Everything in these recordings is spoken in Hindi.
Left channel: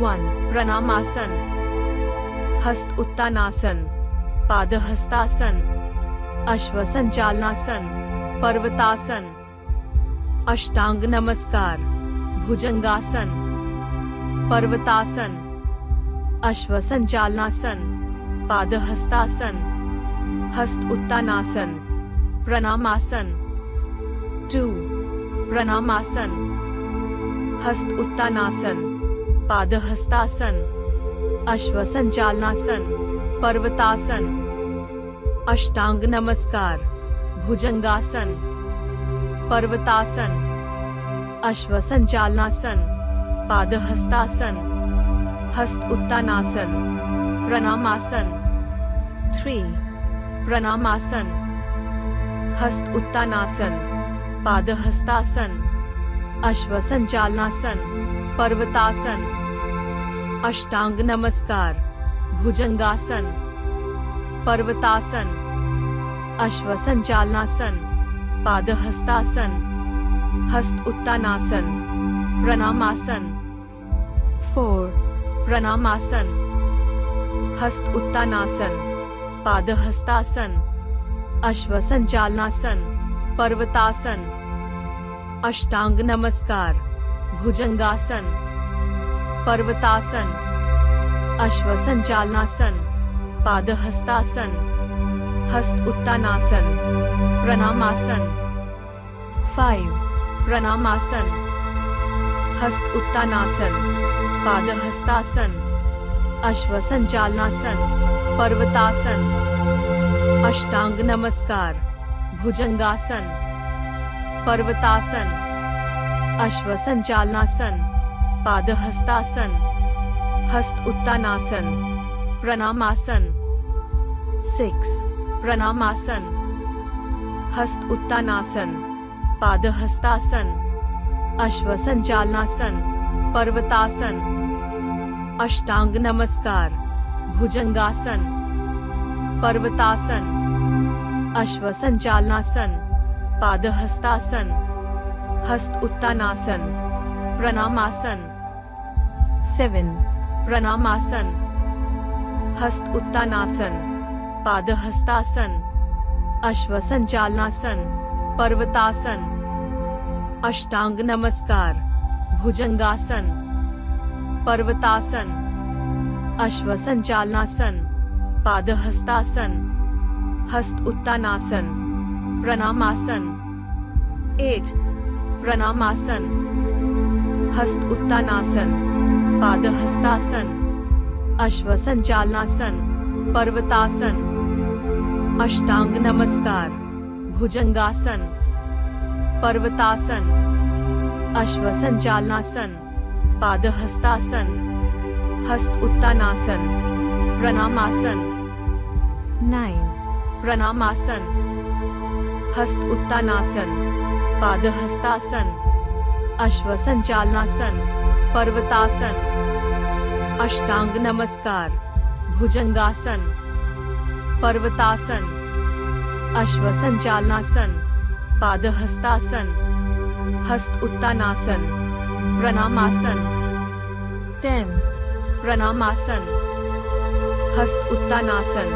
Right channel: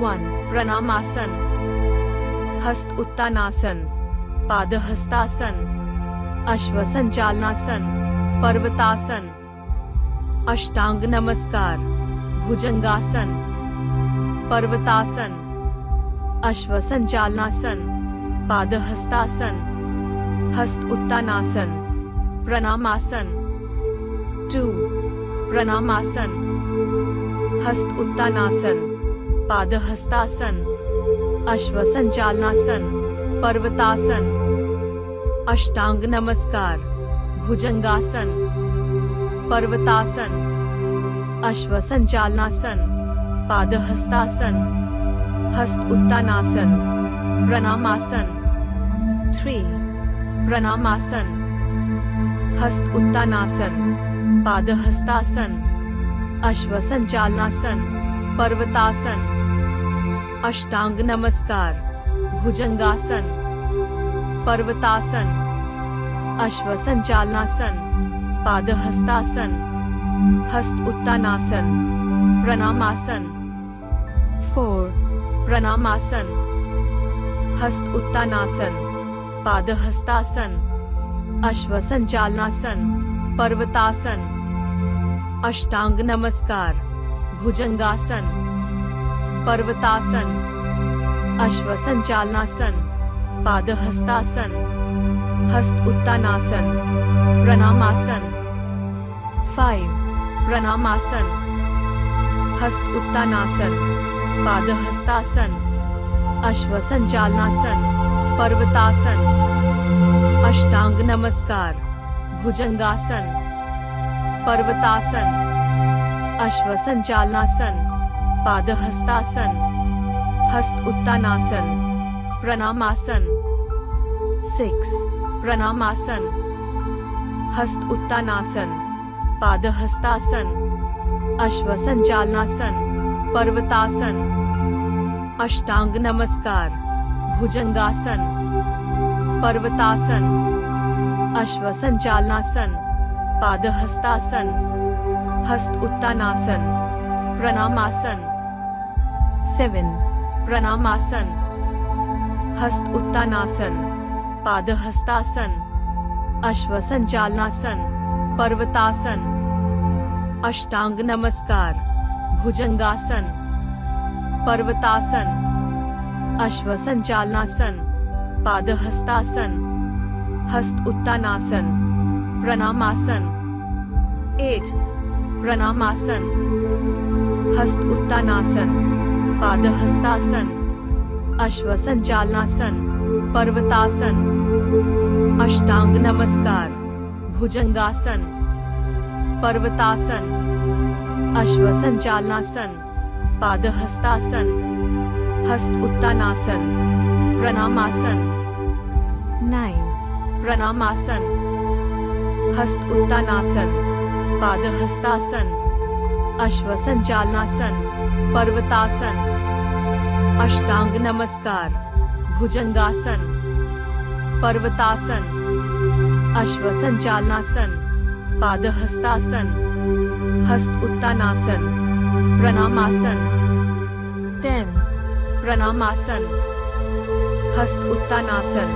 1. प्रणामासन, हस्त उत्तानासन, पादहस्तासन, अश्वसंचालनासन, पर्वतासन, अष्टांग नमस्कार, भुजंगासन, पर्वतासन, अश्वसंचालनासन, पादहस्तासन, हस्त उत्तानासन, प्रणामासन। 2. प्रणामासन, हस्त उत्तानासन, पादहस्तासन, अश्वसंचालनासन, पर्वतासन, अष्टांग नमस्कार, भुजंगासन, पर्वतासन, अश्वसंचालनासन, पादहस्तासन, हस्त उत्तानासन, प्रणामासन। 3. प्रणामासन, हस्त उत्तानासन, पादहस्तासन, अश्वसंचालनासन, पर्वतासन, अष्टांग नमस्कार, भुजंगासन, पर्वतासन, अश्वसंचालनासन, पादहस्तासन, हस्त उत्तानासन, प्रणामासन। 4. प्रणामासन, हस्त उत्तानासन, पादहस्तासन, अश्वसंचालनासन, पर्वतासन, अष्टांग नमस्कार, भुजंगासन, पर्वतासन, अश्वसंचालनासन, पादहस्तासन, हस्त उत्तानासन, प्रणामासन। 5. प्रणामासन, हस्त उत्तानासन, पादहस्तासन, अश्वसंचालनासन, पर्वतासन, अष्टांग नमस्कार, भुजंगासन, पर्वतासन, अश्वसंचालनासन, पादहस्तासन, हस्त उत्तानासन, प्रणामासन। 6. प्रणामासन, हस्त उत्तानासन, पादहस्तासन, अश्वसंचालनासन, पर्वतासन, अष्टांग नमस्कार, भुजंगासन, पर्वतासन, अश्वसंचालनासन, पादहस्तासन, हस्त उत्तानासन, प्रणामासन। 7. प्रणामासन, हस्त उत्तानासन, पादहस्तासन, अश्वसंचालनासन, पर्वतासन, अष्टांग नमस्कार, भुजंगासन, पर्वतासन, अश्वसंचालनासन, पादहस्तासन, हस्त उत्तानासन, प्रणामासन। 8. प्रणामासन, हस्त उत्तानासन, पादहस्तासन, अश्वसंचालनासन, पर्वतासन, अष्टांग नमस्कार, भुजंगासन, पर्वतासन, अश्वसंचालनासन, पादहस्तासन, हस्त उत्तानासन, प्रणामासन। 9. प्रणामासन, हस्त उत्तानासन, पादहस्तासन, अश्वसंचालनासन, पर्वतासन, अष्टांग नमस्कार, भुजंगासन, पर्वतासन, अश्वसंचालनासन, पादहस्तासन, हस्त उत्तानासन, प्रणामासन। 10. प्रणामासन, हस्त उत्तानासन,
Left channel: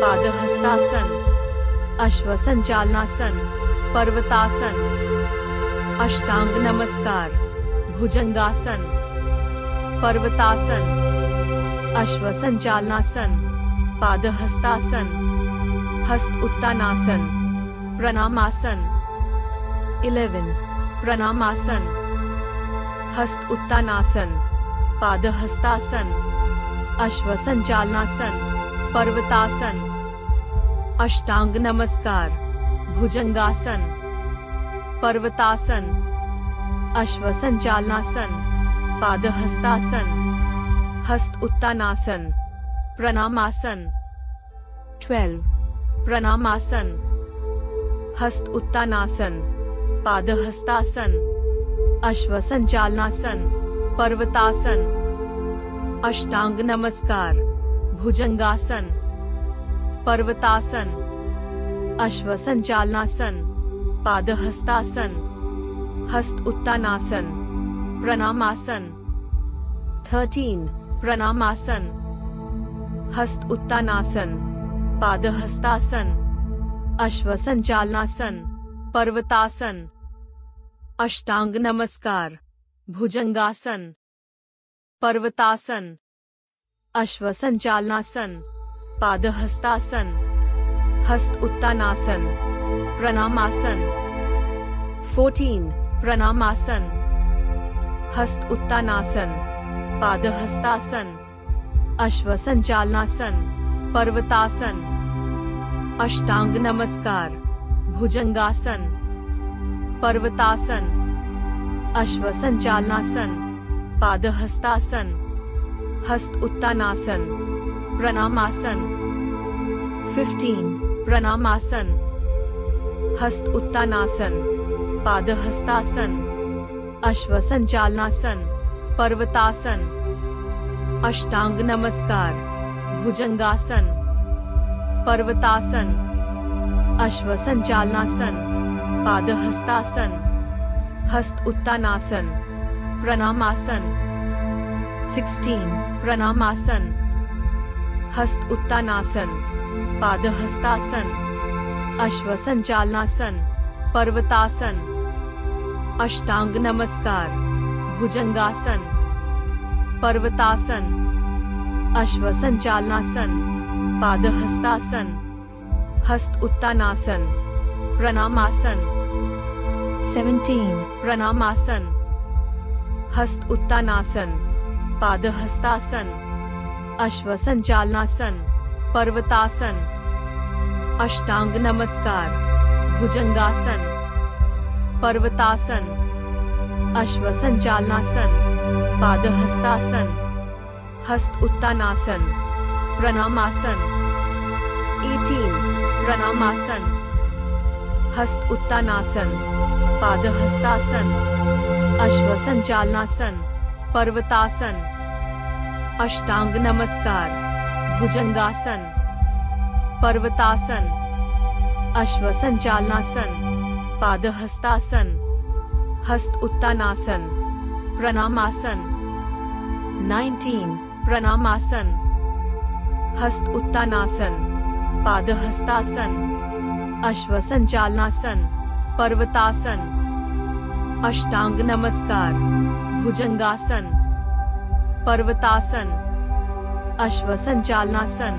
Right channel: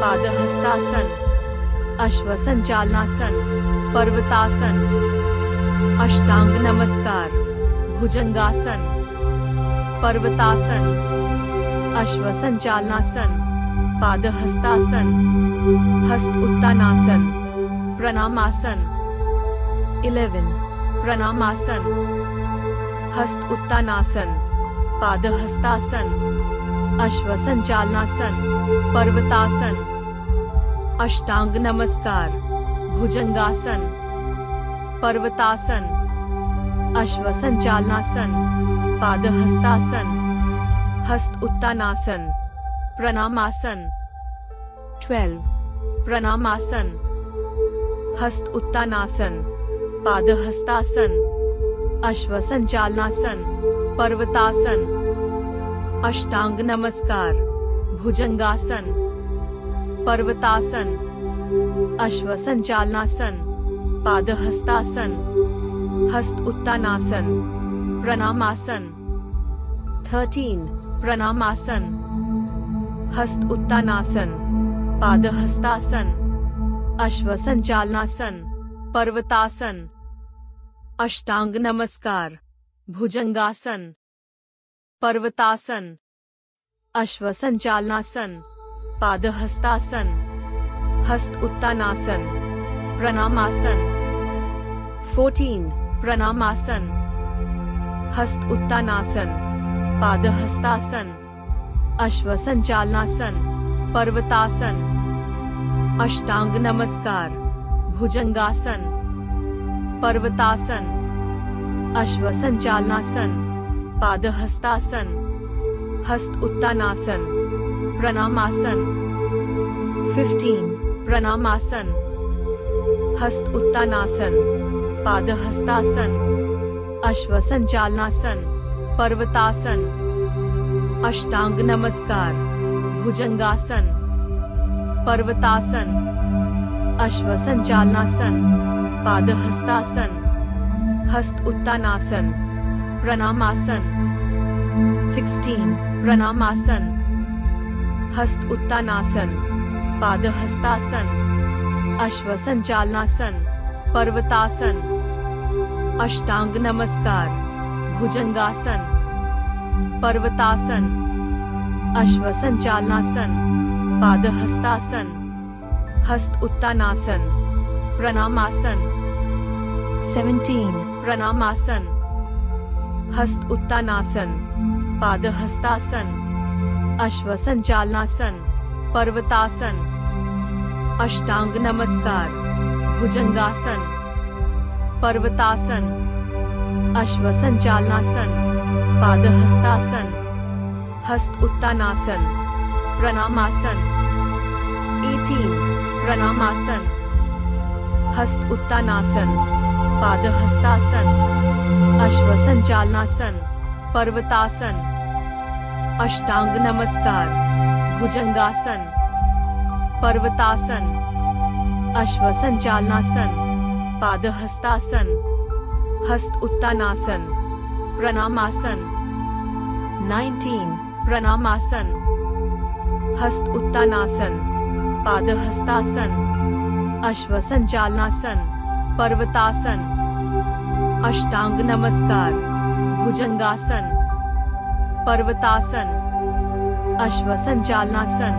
पादहस्तासन, अश्वसंचालनासन, पर्वतासन, अष्टांग नमस्कार, भुजंगासन, पर्वतासन, अश्वसंचालनासन, पादहस्तासन, हस्त उत्तानासन, प्रणामासन। 11. प्रणामासन, हस्त उत्तानासन, पादहस्तासन, अश्वसंचालनासन, पर्वतासन, अष्टांग नमस्कार, भुजंगासन, पर्वतासन, अश्वसंचालनासन, पादहस्तासन, हस्त उत्तानासन, प्रणामासन। 12. प्रणामासन, हस्त उत्तानासन, पादहस्तासन, अश्वसंचालनासन, पर्वतासन, अष्टांग नमस्कार, भुजंगासन, पर्वतासन, अश्वसंचालनासन, पादहस्तासन, हस्त उत्तानासन, प्रणामासन। 13. प्रणामासन, हस्त उत्तानासन, पादहस्तासन, अश्वसंचालनासन, पर्वतासन, अष्टांग नमस्कार, भुजंगासन, पर्वतासन, अश्वसंचालनासन, पादहस्तासन, हस्त उत्तानासन, प्रणामासन. 14. प्रणामासन, हस्त उत्तानासन, पादहस्तासन, अश्वसंचालनासन, पर्वतासन, अष्टांग नमस्कार, भुजंगासन, पर्वतासन, अश्वसंचालनासन, पादहस्तासन, हस्त उत्तानासन, प्रणामासन. 15. प्रणामासन, हस्त उत्तानासन, पादहस्तासन, अश्वसंचालनासन, पर्वतासन, अष्टांग नमस्कार, भुजंगासन, पर्वतासन, अश्वसंचालनासन, पादहस्तासन, हस्त उत्तानासन, प्रणामासन. 16. प्रणामासन, हस्त उत्तानासन, पादहस्तासन, अश्वसंचालनासन, पर्वतासन, अष्टांग नमस्कार, भुजंगासन, पर्वतासन, अश्वसंचालनासन, पादहस्तासन, हस्त उत्तानासन, प्रणामासन. 17. प्रणामासन, हस्त उत्तानासन, पादहस्तासन, अश्वसंचालनासन, पर्वतासन, अष्टांग नमस्कार, भुजंगासन, पर्वतासन, अश्वसंचालनासन, पादहस्तासन, हस्त उत्तानासन, प्रणामासन. 18. प्रणामासन, हस्त उत्तानासन, पादहस्तासन, अश्वसंचालनासन, पर्वतासन, अष्टांग नमस्कार, भुजंगासन, पर्वतासन, अश्वसंचालनासन, पादहस्तासन, हस्त उत्तानासन, प्रणामासन. 19. प्रणामासन, हस्त उत्तानासन, पादहस्तासन, अश्वसंचालनासन, पर्वतासन, अष्टांग नमस्कार, भुजंगासन, पर्वतासन, अश्वसंचालनासन,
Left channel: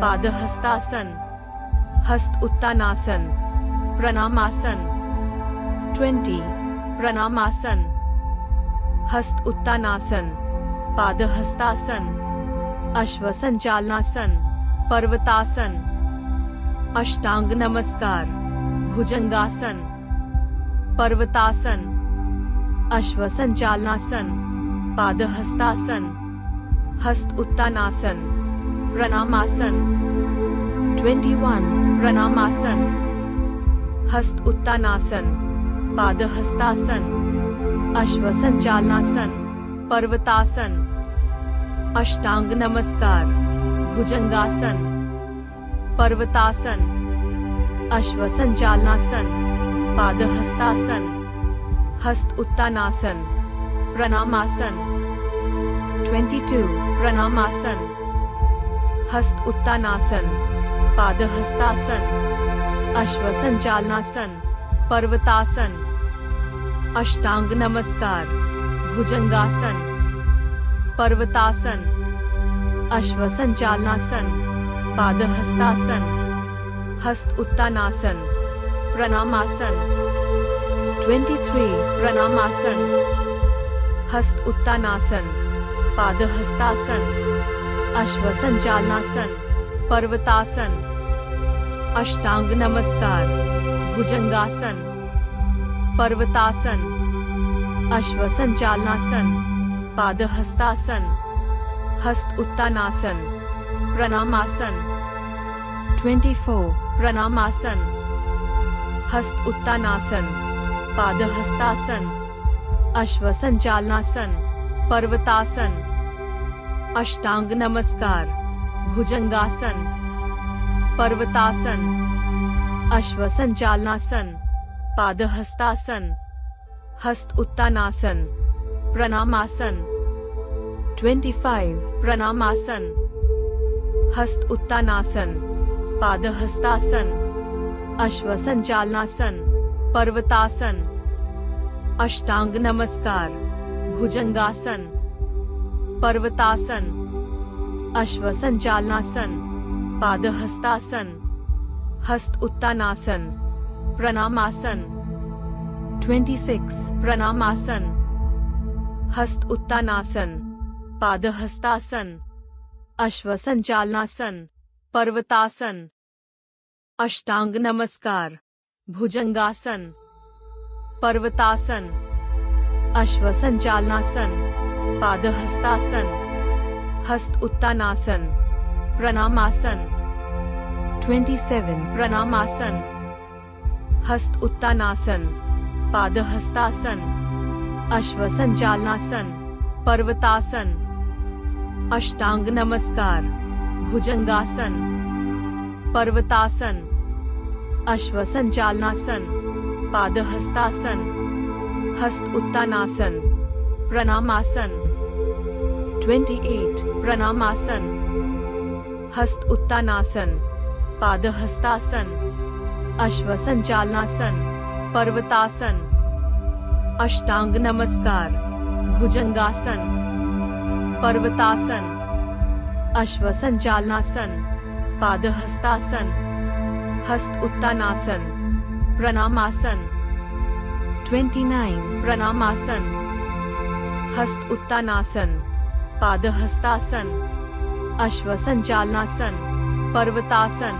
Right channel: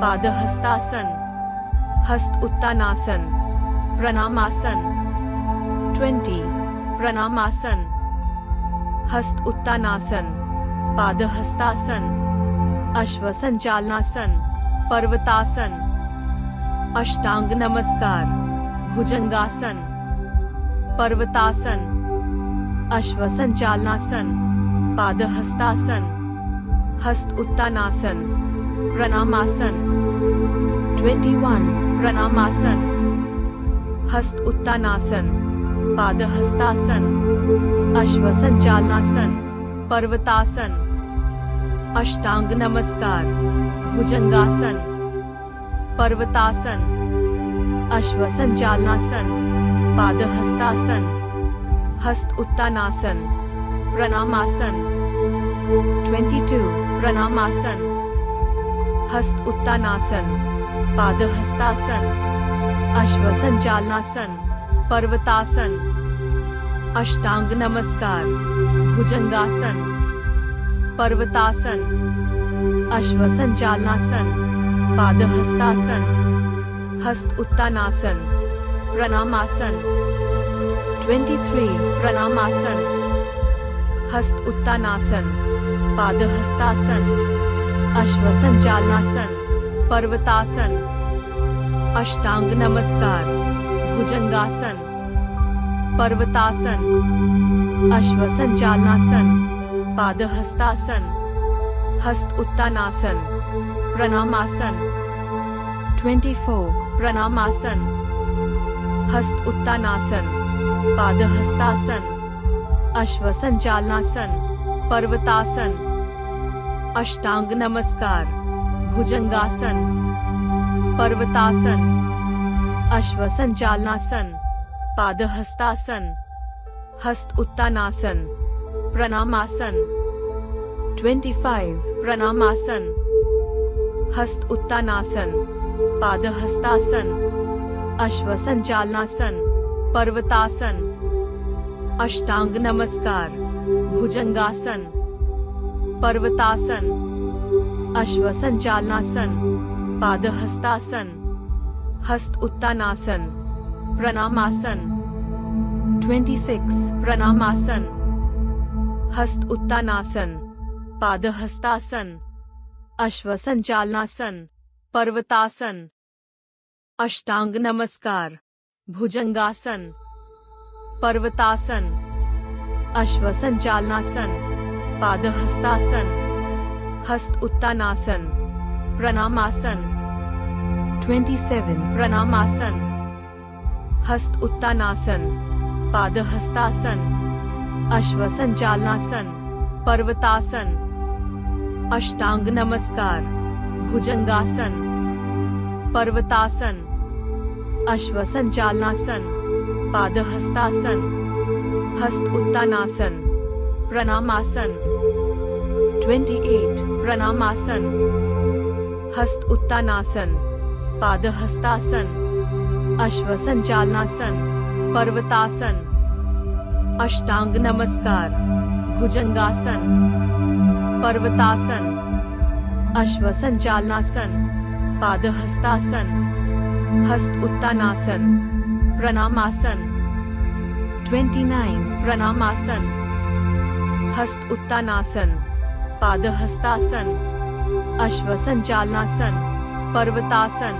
पादहस्तासन, हस्त उत्तानासन, प्रणामासन. 20. प्रणामासन, हस्त उत्तानासन, पादहस्तासन, अश्वसंचालनासन, पर्वतासन, अष्टांग नमस्कार, भुजंगासन, पर्वतासन, अश्वसंचालनासन, पादहस्तासन, हस्त उत्तानासन, प्रणामासन. 21. प्रणामासन, हस्त उत्तानासन, पादहस्तासन, अश्वसंचालनासन, पर्वतासन, अष्टांग नमस्कार, भुजंगासन, पर्वतासन, अश्वसंचालनासन, पादहस्तासन, हस्त उत्तानासन, प्रणामासन. 22. प्रणामासन, हस्त उत्तानासन, पादहस्तासन, अश्वसंचालनासन, पर्वतासन, अष्टांग नमस्कार, भुजंगासन, पर्वतासन, अश्वसंचालनासन, पादहस्तासन, हस्त उत्तानासन, प्रणामासन. 23. प्रणामासन, हस्त उत्तानासन, पादहस्तासन, अश्वसंचालनासन, पर्वतासन, अष्टांग नमस्कार, भुजंगासन, पर्वतासन, अश्वसंचालनासन, पादहस्तासन, हस्त उत्तानासन, प्रणामासन. 24. प्रणामासन, हस्त उत्तानासन, पादहस्तासन, अश्वसंचालनासन, पर्वतासन, अष्टांग नमस्कार, भुजंगासन, पर्वतासन, अश्वसंचालनासन, पादहस्तासन, हस्त उत्तानासन, प्रणामासन. 25 प्रणामासन, हस्त उत्तानासन, पादहस्तासन, अश्वसंचालनासन, पर्वतासन, अष्टांग नमस्कार, भुजंगासन, पर्वतासन, अश्वसंचालनासन, पादहस्तासन, हस्त उत्तानासन, प्रणामासन। 26 प्रणामासन, हस्त उत्तानासन, पादहस्तासन, अश्वसंचालनासन, पर्वतासन, अष्टांग नमस्कार, भुजंगासन, पर्वतासन, अश्वसंचालनासन, पादहस्तासन, हस्त उत्तानासन, प्रणामासन। 27 प्रणामासन, हस्त उत्तानासन, पादहस्तासन, अश्वसंचालनासन, पर्वतासन, अष्टांग नमस्कार, भुजंगासन, पर्वतासन, अश्वसंचालनासन, पादहस्तासन, हस्त उत्तानासन, प्रणामासन। 28 प्रणामासन, हस्त उत्तानासन, पादहस्तासन, अश्वसंचालनासन, पर्वतासन, अष्टांग नमस्कार, भुजंगासन, पर्वतासन, अश्वसंचालनासन, पादहस्तासन, हस्त उत्तानासन, प्रणामासन। 29 प्रणामासन, हस्त उत्तानासन, पादहस्तासन, अश्वसंचालनासन, पर्वतासन,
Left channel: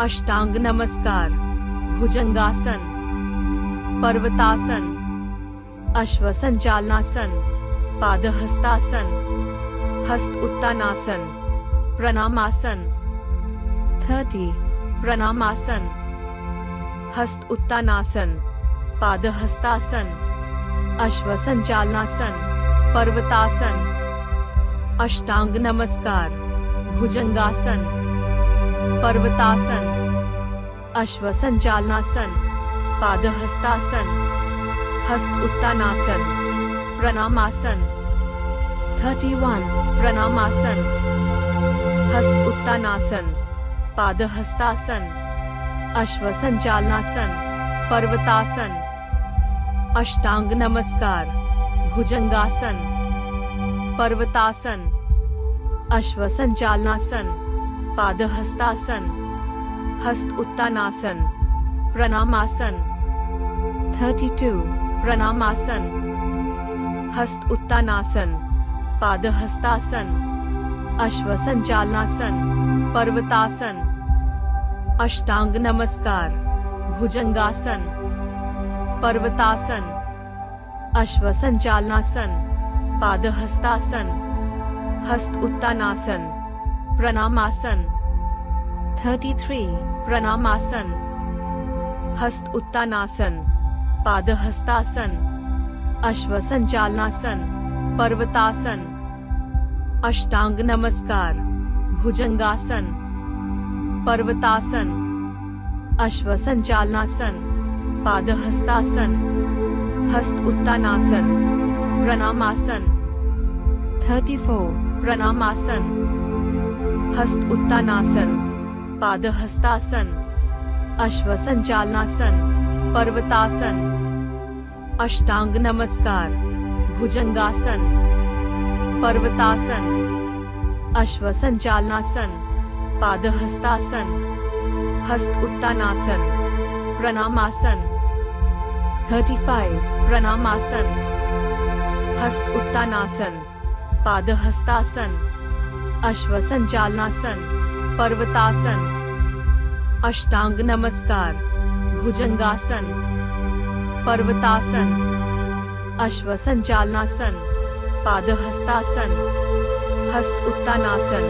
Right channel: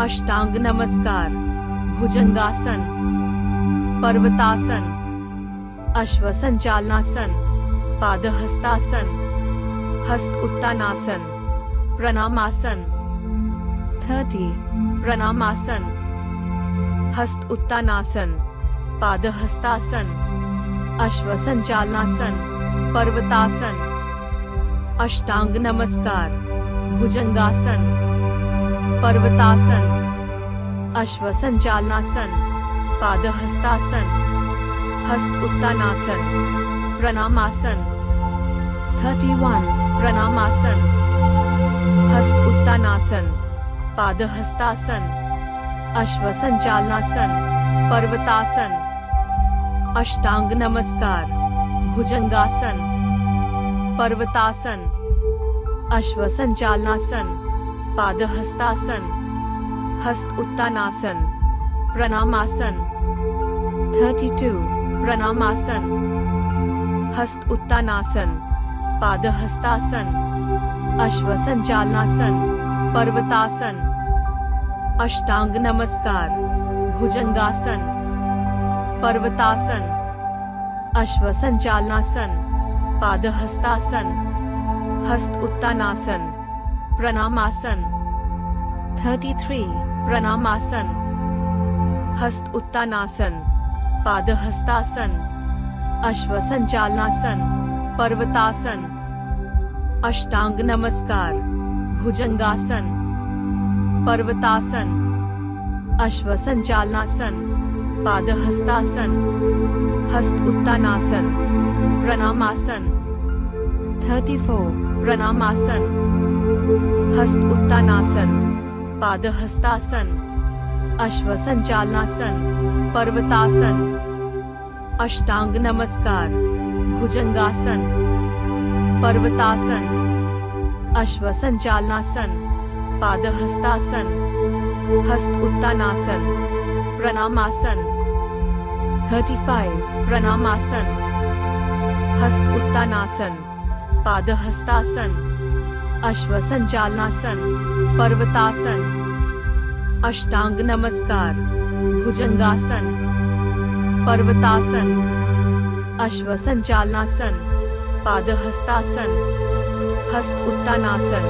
अष्टांग नमस्कार, भुजंगासन, पर्वतासन, अश्वसंचालनासन, पादहस्तासन, हस्त उत्तानासन, प्रणामासन। 30 प्रणामासन, हस्त उत्तानासन, पादहस्तासन, अश्वसंचालनासन, पर्वतासन, अष्टांग नमस्कार, भुजंगासन, पर्वतासन, अश्वसंचालनासन, पादहस्तासन, हस्त उत्तानासन, प्रणामासन। 31 प्रणामासन, हस्त उत्तानासन, पादहस्तासन, अश्वसंचालनासन, पर्वतासन, अष्टांग नमस्कार, भुजंगासन, पर्वतासन, अश्वसंचालनासन, पादहस्तासन, हस्त उत्तानासन, प्रणामासन। 32 प्रणामासन, हस्त उत्तानासन, पादहस्तासन, अश्वसंचालनासन, पर्वतासन, अष्टांग नमस्कार, भुजंगासन, पर्वतासन, अश्वसंचालनासन, पादहस्तासन, हस्त उत्तानासन, प्रणामासन। 33 प्रणामासन, हस्त उत्तानासन, पादहस्तासन, अश्वसंचालनासन, पर्वतासन, अष्टांग नमस्कार, भुजंगासन, पर्वतासन, अश्वसंचालनासन, पादहस्तासन, हस्त उत्तानासन, प्रणामासन। 34 प्रणामासन, हस्त उत्तानासन, पादहस्तासन, अश्वसंचालनासन, पर्वतासन, अष्टांग नमस्कार, भुजंगासन, पर्वतासन, अश्वसंचालनासन, पादहस्तासन, हस्त उत्तानासन, प्रणामासन। 35 प्रणामासन, हस्त उत्तानासन, पादहस्तासन, अश्वसंचालनासन, पर्वतासन, अष्टांग नमस्कार, भुजंगासन, पर्वतासन, अश्वसंचालनासन, पादहस्तासन, हस्त उत्तानासन,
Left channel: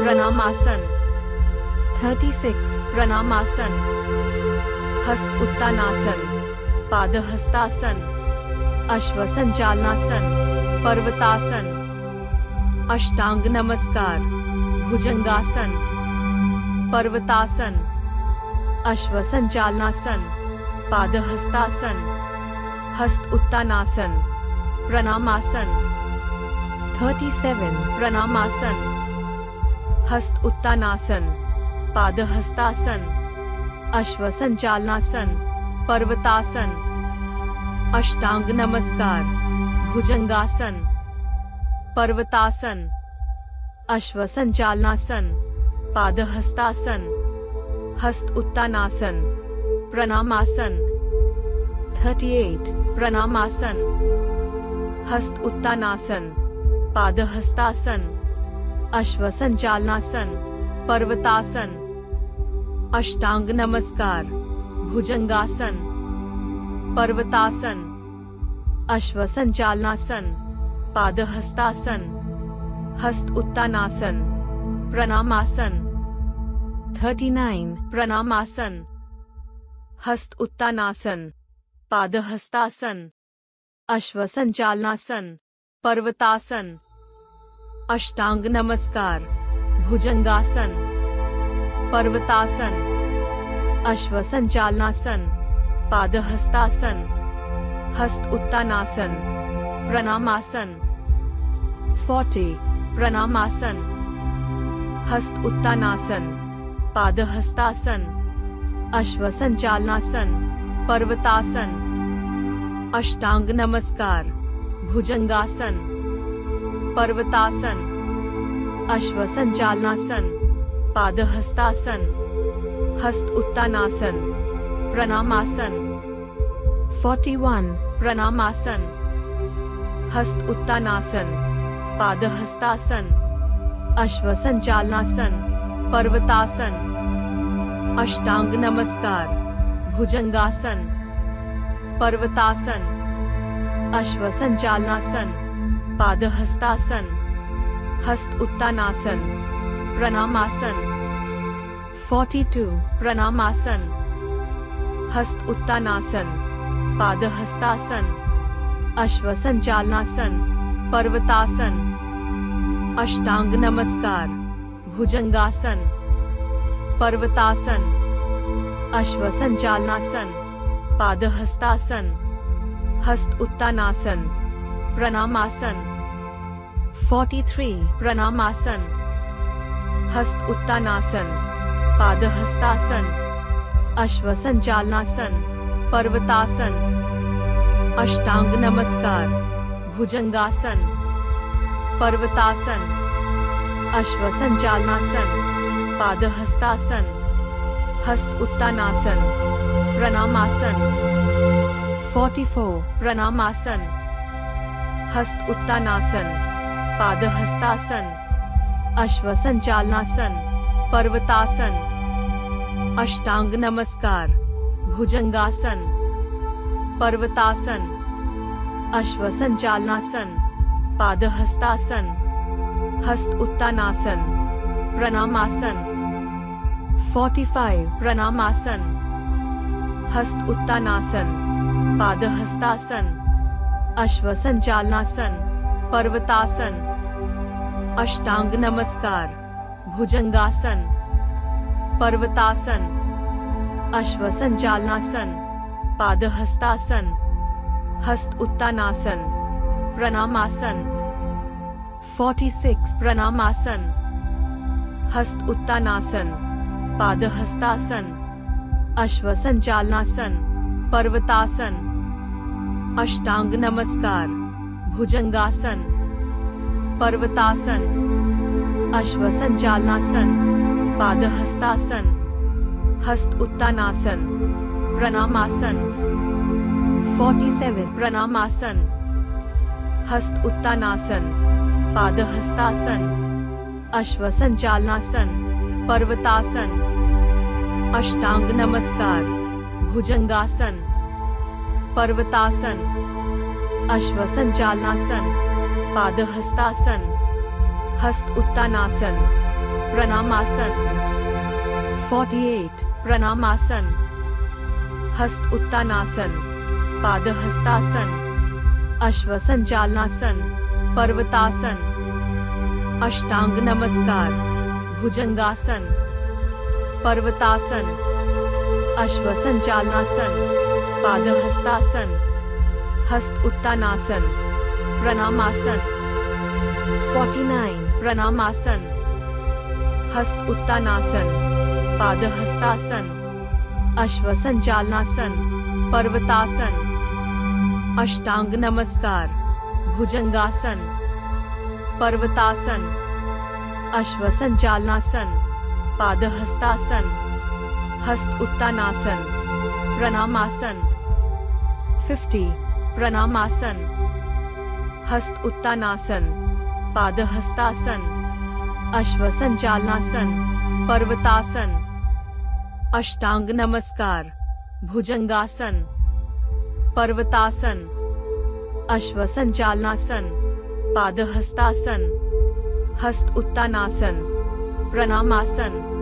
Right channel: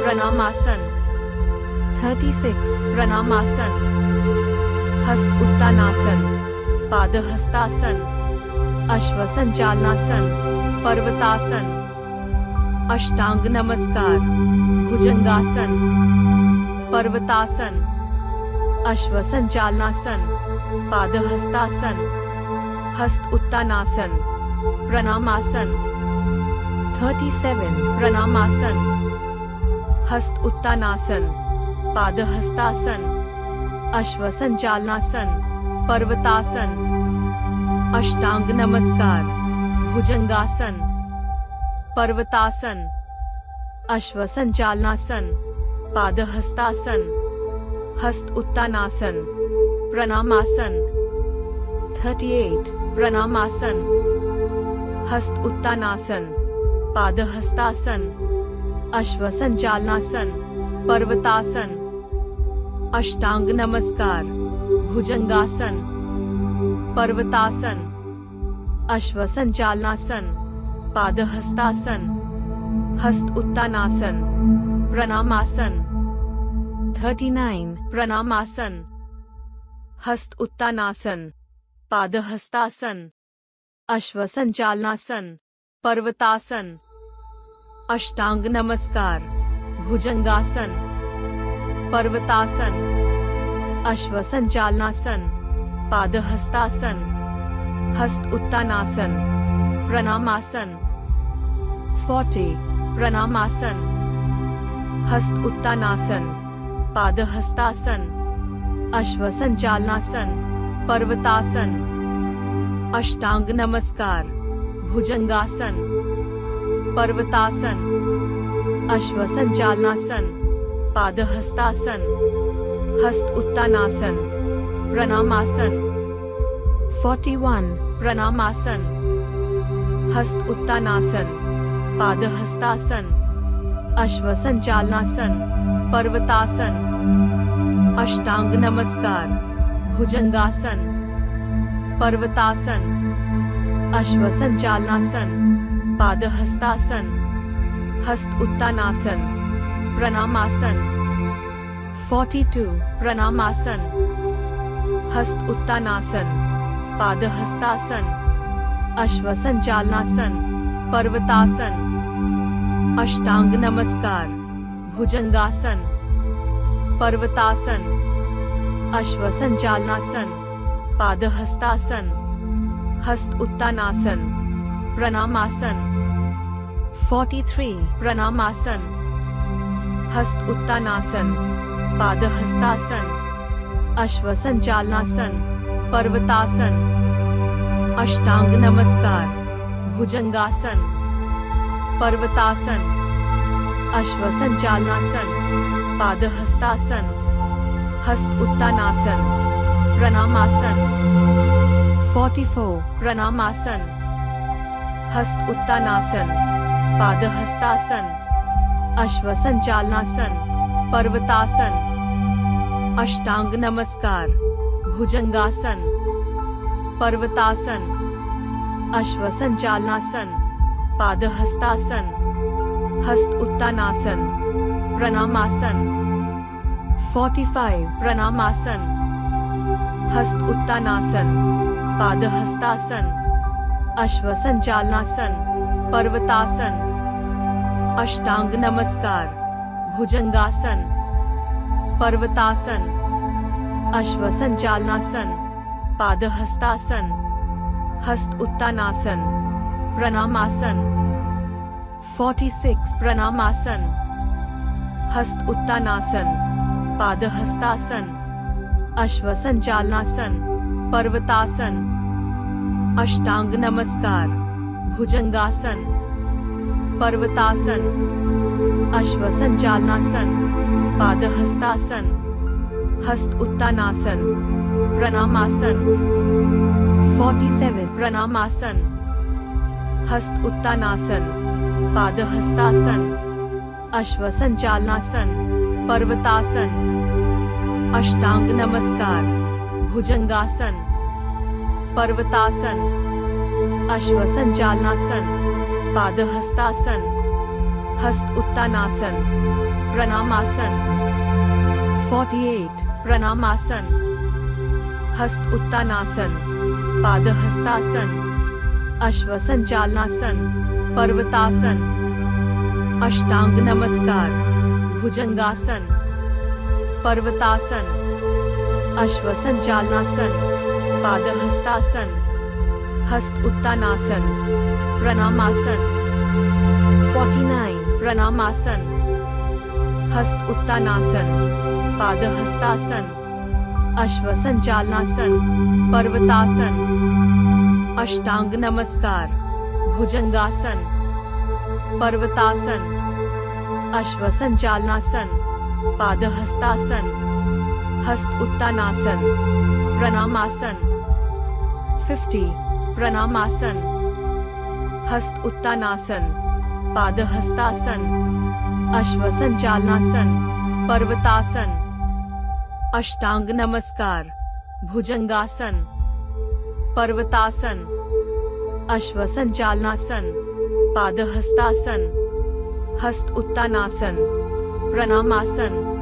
प्रणामासन। 36 प्रणामासन, हस्त उत्तानासन, पादहस्तासन, अश्वसंचालनासन, पर्वतासन, अष्टांग नमस्कार, भुजंगासन, पर्वतासन, अश्वसंचालनासन, पादहस्तासन, हस्त उत्तानासन, प्रणामासन। 37 प्रणामासन, हस्त उत्तानासन, पादहस्तासन, अश्वसंचालनासन, पर्वतासन, अष्टांग नमस्कार, भुजंगासन, पर्वतासन, अश्वसंचालनासन, पादहस्तासन, हस्त उत्तानासन, प्रणामासन। 38 प्रणामासन, हस्त उत्तानासन, पादहस्तासन, अश्वसंचालनासन, पर्वतासन, अष्टांग नमस्कार, भुजंगासन, पर्वतासन, अश्वसंचालनासन, पादहस्तासन, हस्त उत्तानासन, प्रणामासन। 39 प्रणामासन, हस्त उत्तानासन, पादहस्तासन, अश्वसंचालनासन, पर्वतासन, अष्टांग नमस्कार, भुजंगासन, पर्वतासन, अश्वसंचालनासन, पादहस्तासन, हस्त उत्तानासन, प्रणामासन। 40 प्रणामासन, हस्त उत्तानासन, पादहस्तासन, अश्वसंचालनासन, पर्वतासन, अष्टांग नमस्कार, भुजंगासन, पर्वतासन, अश्वसंचालनासन, पादहस्तासन, हस्त उत्तानासन, प्रणामासन। 41 प्रणामासन, हस्त उत्तानासन, पादहस्तासन, अश्वसंचालनासन, पर्वतासन, अष्टांग नमस्कार, भुजंगासन, पर्वतासन, अश्वसंचालनासन, पादहस्तासन, हस्त उत्तानासन, प्रणामासन। 42 प्रणामासन, हस्त उत्तानासन, पादहस्तासन, अश्वसंचालनासन, पर्वतासन, अष्टांग नमस्कार, भुजंगासन, पर्वतासन, अश्वसंचालनासन, पादहस्तासन, हस्त उत्तानासन, प्रणामासन। 43 प्रणामासन, हस्त उत्तानासन, पादहस्तासन, अश्वसंचालनासन, पर्वतासन, अष्टांग नमस्कार, भुजंगासन, पर्वतासन, अश्वसंचालनासन, पादहस्तासन, हस्त उत्तानासन, प्रणामासन। 44 प्रणामासन, हस्त उत्तानासन, पादहस्तासन, अश्वसंचालनासन, पर्वतासन, अष्टांग नमस्कार, भुजंगासन, पर्वतासन, अश्वसंचालनासन, पादहस्तासन, हस्त उत्तानासन, प्रणामासन। 45 प्रणामासन, हस्त उत्तानासन, पादहस्तासन, अश्वसंचालनासन, पर्वतासन, अष्टांग नमस्कार, भुजंगासन, पर्वतासन, अश्वसंचालनासन, पादहस्तासन, हस्त उत्तानासन, प्रणामासन। 46 प्रणामासन, हस्त उत्तानासन, पादहस्तासन, अश्वसंचालनासन, पर्वतासन, अष्टांग नमस्कार, भुजंगासन, पर्वतासन, अश्वसंचालनासन, पादहस्तासन, हस्त उत्तानासन, प्रणामासन। 47 प्रणामासन, हस्त उत्तानासन, पादहस्तासन, अश्वसंचालनासन, पर्वतासन, अष्टांग नमस्कार, भुजंगासन, पर्वतासन, अश्वसंचालनासन, पादहस्तासन, हस्त उत्तानासन, प्रणामासन। 48 प्रणामासन, हस्त उत्तानासन, पादहस्तासन, अश्वसंचालनासन, पर्वतासन, अष्टांग नमस्कार, भुजंगासन, पर्वतासन, अश्वसंचालनासन, पादहस्तासन, हस्त उत्तानासन, प्रणामासन। 49 प्रणामासन, हस्त उत्तानासन, पाद हस्तासन, अश्व संचालनासन, पर्वतासन, अष्टांग नमस्कार, भुजंगासन, पर्वतासन, अश्व संचालनासन, पाद हस्तासन, हस्त उत्तानासन, प्रणामासन। 50 प्रणामासन, हस्त उत्तानासन, पाद हस्तासन, अश्व संचालनासन, पर्वतासन, अष्टांग नमस्कार, भुजंगासन, पर्वतासन, अश्व संचालनासन, पाद हस्तासन, हस्त उत्तानासन, प्रणामासन।